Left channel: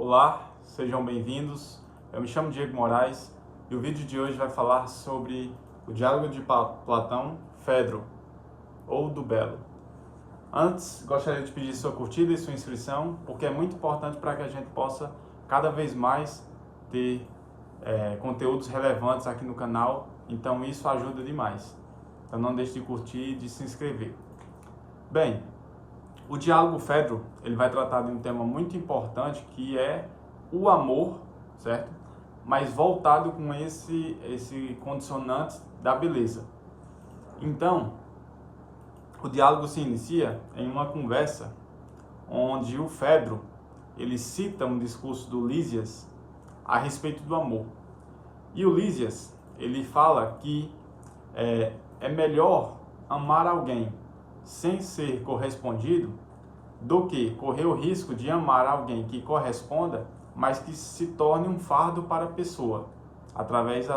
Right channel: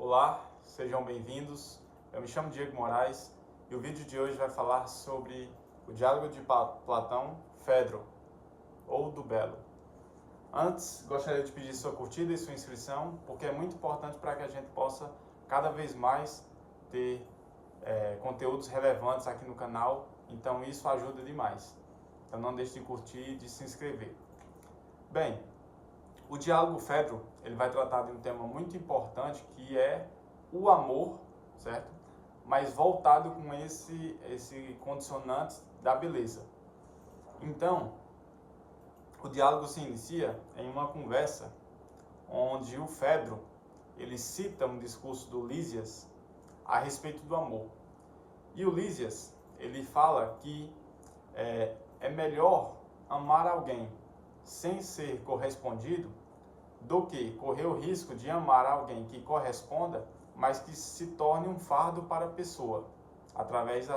Olá, sejam bem-vindos. Eu me chamo Diego Moraes e o vídeo de hoje vai falar sobre o diálogo de Platão, Fedro, ou do Belo. Antes, gostaria de pedir sua curtida e sua inscrição, porque é muito importante para que a gente possa cada vez mais ter conteúdos relevantes aqui no canal, então isso ajuda demais. Então não deixe de curtir e de se inscrever. Bem, o diálogo Fedro, ele vai tratar de um tema muito importante que é o amor, certo? Mas voltado com esse condicionante da beleza. Então, o diálogo se inicia em uma conversa onde o Fedro, ele cita um discurso do Lísias a respeito do amor. E o Lísias, ele fala que é melhor amar alguém sem ser correspondido do que correr o risco de amar alguém que corresponda, mas que se torne um fardo para a pessoa, através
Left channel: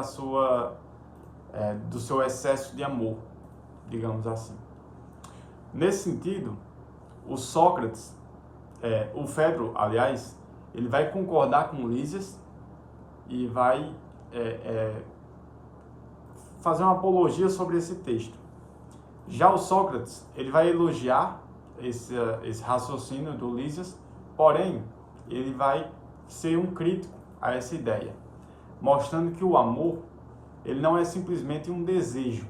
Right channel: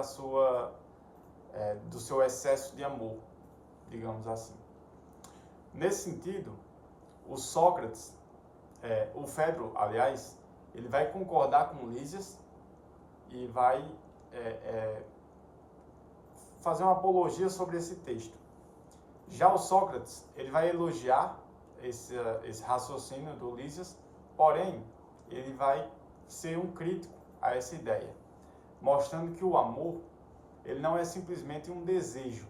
do seu excesso de amor, digamos assim. Nesse sentido, o Sócrates, o Fedro, aliás, ele vai concordar com Lísias e vai fazer uma apologia sobre esse texto. Já o Sócrates, ele vai elogiar esse raciocínio do Lísias, porém, ele vai ser um crítico a essa ideia, mostrando que o amor, ele não é simplesmente um desejo,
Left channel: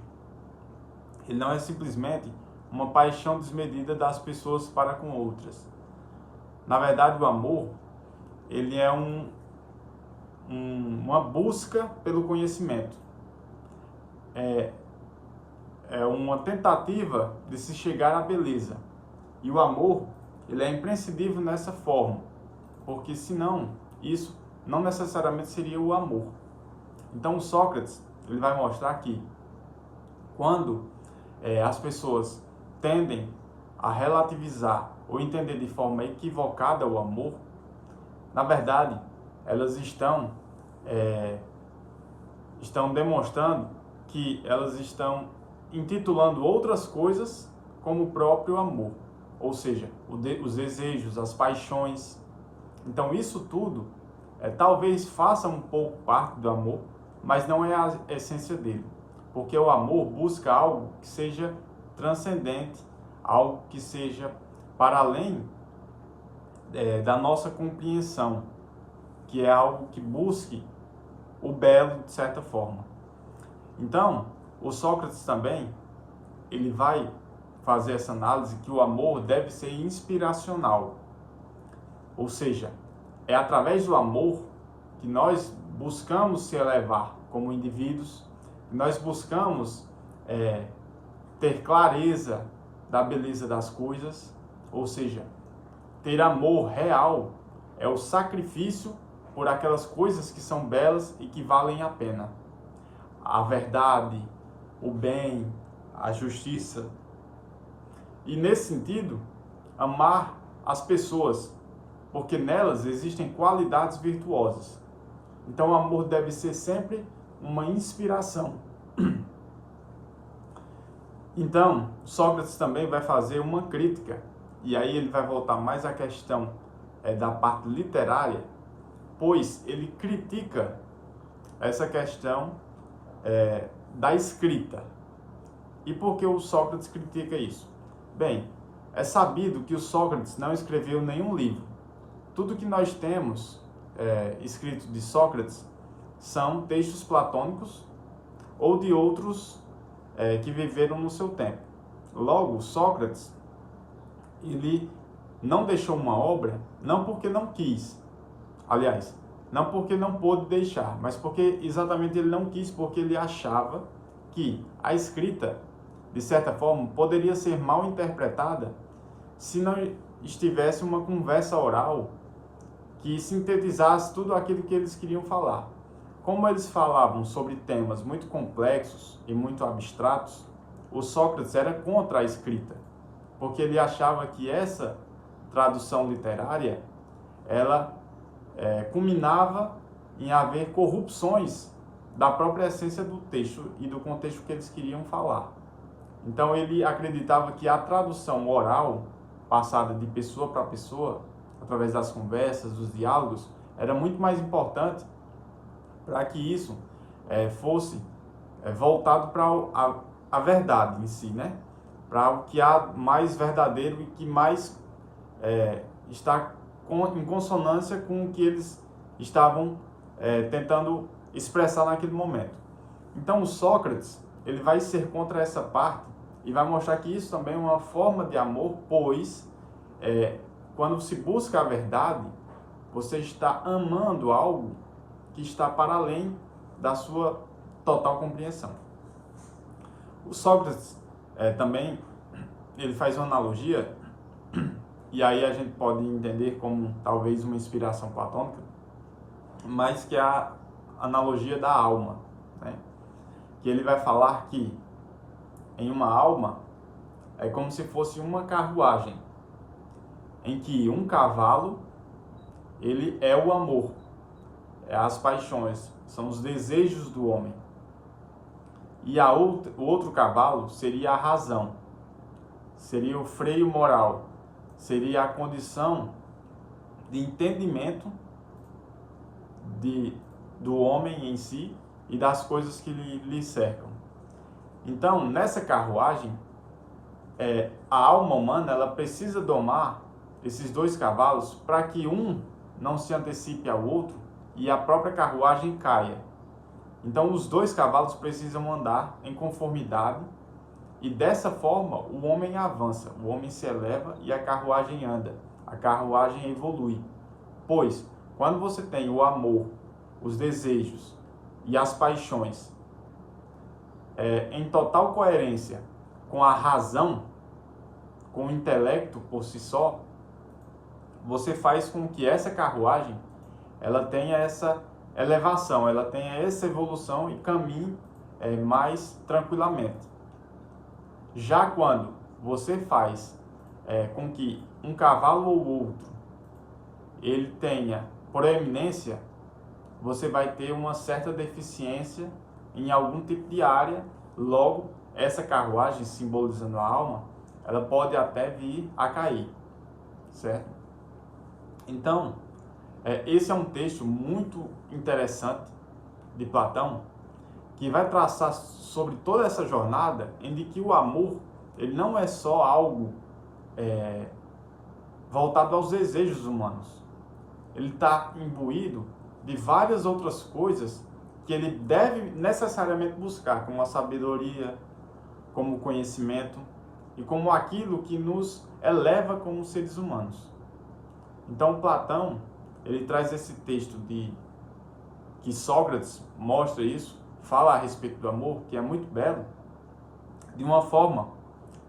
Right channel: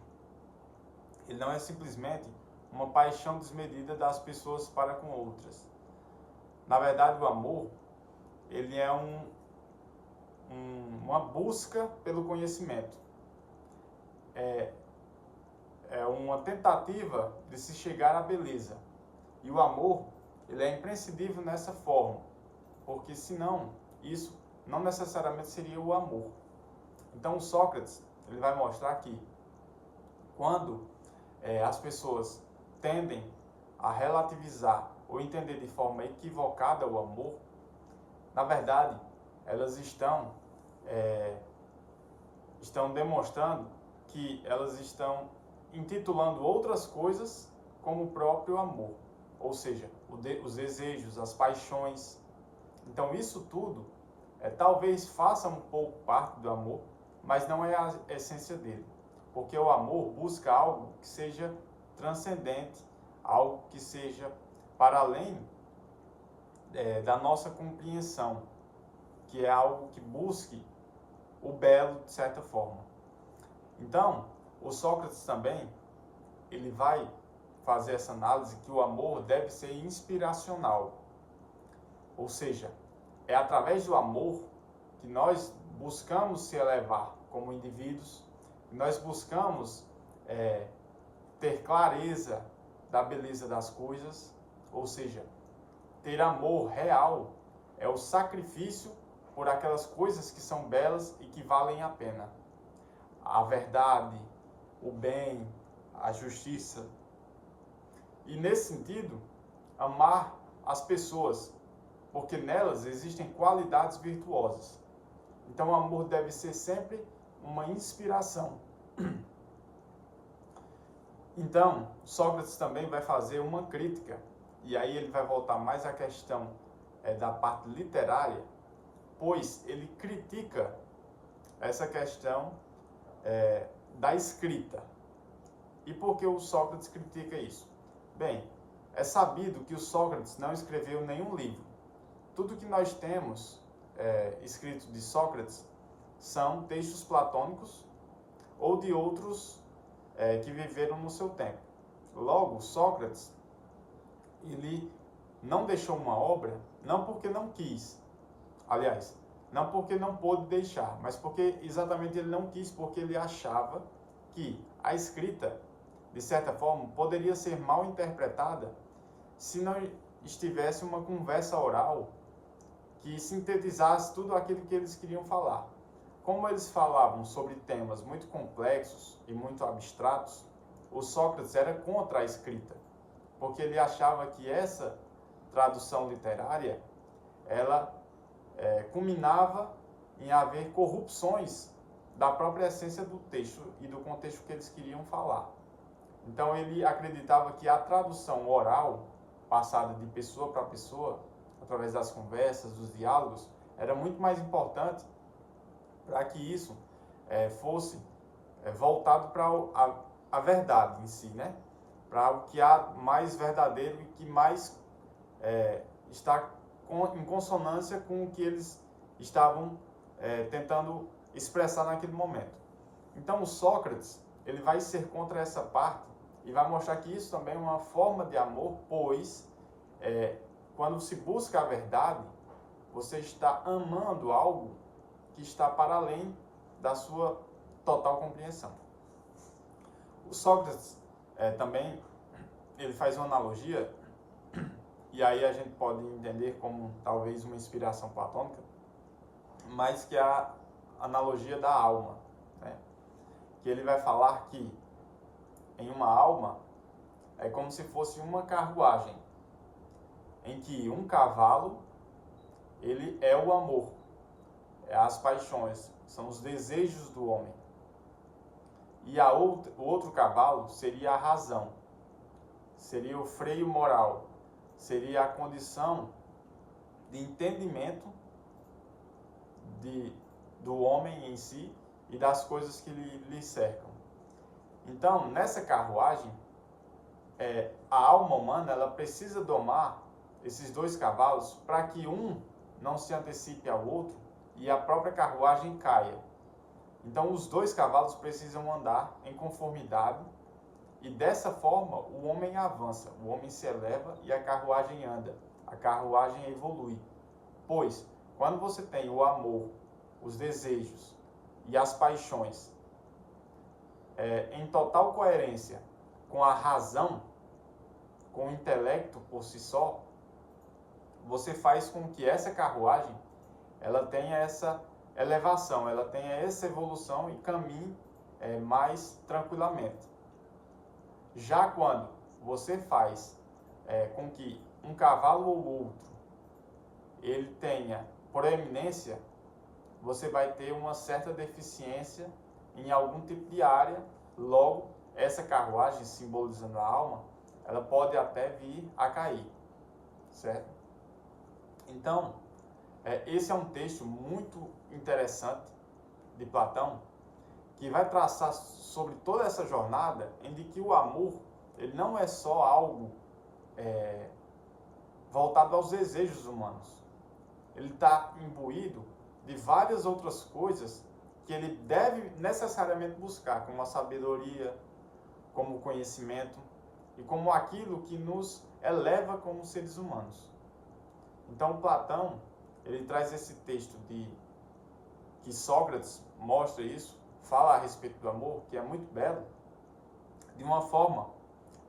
ele não é simplesmente uma paixão desmedida das pessoas para com outras. Na verdade, o amor, ele é uma busca pelo conhecimento. É uma tentativa de se chegar à beleza. E o amor, ele é imprescindível nessa forma, porque senão isso não necessariamente seria o amor. Então o Sócrates, ele vai mostrar que quando as pessoas tendem a relativizar ou entender de forma equivocada o amor, na verdade, elas estão demonstrando que elas estão intitulando outras coisas como o próprio amor, ou seja, os desejos, as paixões. Então isso tudo talvez faça um pouco parte do amor, mas não é a essência dele, porque o amor busca algo que seja transcendente, algo que seja para além da nossa compreensão, que é algo que busque o belo de certa forma. Então, o Sócrates também, ele vai fazer essa análise que o amor deve ser inspiracional. Ou seja, é através do amor que nós buscamos se elevar como indivíduos, que nós buscamos ter clareza da beleza das coisas, ou seja, ter amor real é o sacrifício por aquelas coisas que são belas e que valem a pena. A verdade, o bem, a justiça. E nesse sentido, amar as pessoas, porque nelas existem qualidades virtuosas. Então o amor deve ser sempre uma inspiração. Então, Sócrates também vai fazer uma crítica, e aí ele vai voltar mais à questão da parte literária, pois ele critica essa questão da escrita. E por que o Sócrates critica isso? Bem, é sabido que o Sócrates não escreveu nenhum livro. Tudo que nós temos escrito de Sócrates são textos platônicos ou de outros que viveram no seu tempo. Logo, Sócrates, ele não deixou uma obra, não porque não quis, aliás, não porque não pôde deixar, mas porque exatamente ele não quis, porque ele achava que a escrita, de certa forma, poderia ser mal interpretada se não estivesse uma conversa oral que sintetizasse tudo aquilo que eles queriam falar. Como eles falavam sobre temas muito complexos e muito abstratos, o Sócrates era contra a escrita, porque ele achava que essa tradução literária, ela culminava em haver corrupções da própria essência do texto e do contexto que eles queriam falar. Então ele acreditava que a tradução oral, passada de pessoa para pessoa, a através das conversas, dos diálogos, era muito mais importante para que isso fosse voltado para a verdade em si, né? Para o que há mais verdadeiro e que mais está em consonância com o que eles estavam tentando expressar naquele momento. Então o Sócrates, ele vai ser contra essa parte e vai mostrar que isso também é uma forma de amor, pois quando se busca a verdade, você está amando algo que está para além da sua total compreensão. O Sócrates também ele faz uma analogia, e aí a gente pode entender como talvez uma inspiração platônica, mas que é a analogia da alma, né? Que ele vai falar que em uma alma é como se fosse uma carruagem, em que um cavalo ele é o amor, as paixões, são os desejos do homem, e o outro cavalo seria a razão, seria o freio moral, seria a condição de entendimento do homem em si e das coisas que lhe cercam. Então, nessa carruagem, a alma humana ela precisa domar esses dois cavalos para que um não se antecipe ao outro e a própria carruagem caia. Então, os dois cavalos precisam andar em conformidade e dessa forma o homem avança, o homem se eleva e a carruagem anda, a carruagem evolui. Pois, quando você tem o amor, os desejos e as paixões em total coerência com a razão, com o intelecto por si só, você faz com que essa carruagem ela tenha essa elevação, ela tenha essa evolução e caminhe mais tranquilamente. Já quando você faz com que um cavalo ou outro ele tenha proeminência, você vai ter uma certa deficiência em algum tipo de área, logo essa carruagem, simbolizando a alma, ela pode até vir a cair, certo? Então, esse é um texto muito interessante de Platão, que vai traçar sobre toda essa jornada em que o amor ele não é só algo voltado aos desejos humanos. Ele está imbuído de várias outras coisas que ele deve necessariamente buscar, como a sabedoria, como o conhecimento e como aquilo que nos eleva como seres humanos. Então Platão, ele traz esse texto que Sócrates mostra isso, fala a respeito do amor, que é muito belo, de uma forma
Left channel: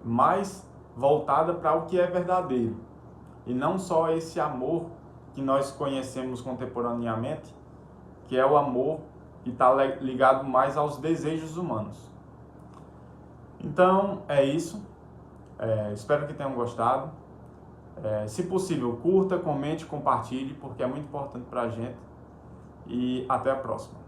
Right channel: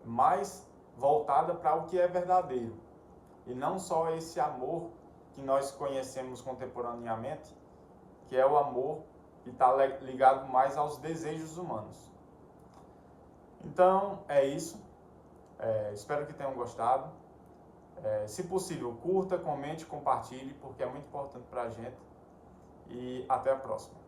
mais voltada para o que é verdadeiro. E não só esse amor que nós conhecemos contemporaneamente, que é o amor que está ligado mais aos desejos humanos. Então, é isso. Espero que tenham gostado. Se possível, curta, comente, compartilhe, porque é muito importante para a gente. E até a próxima.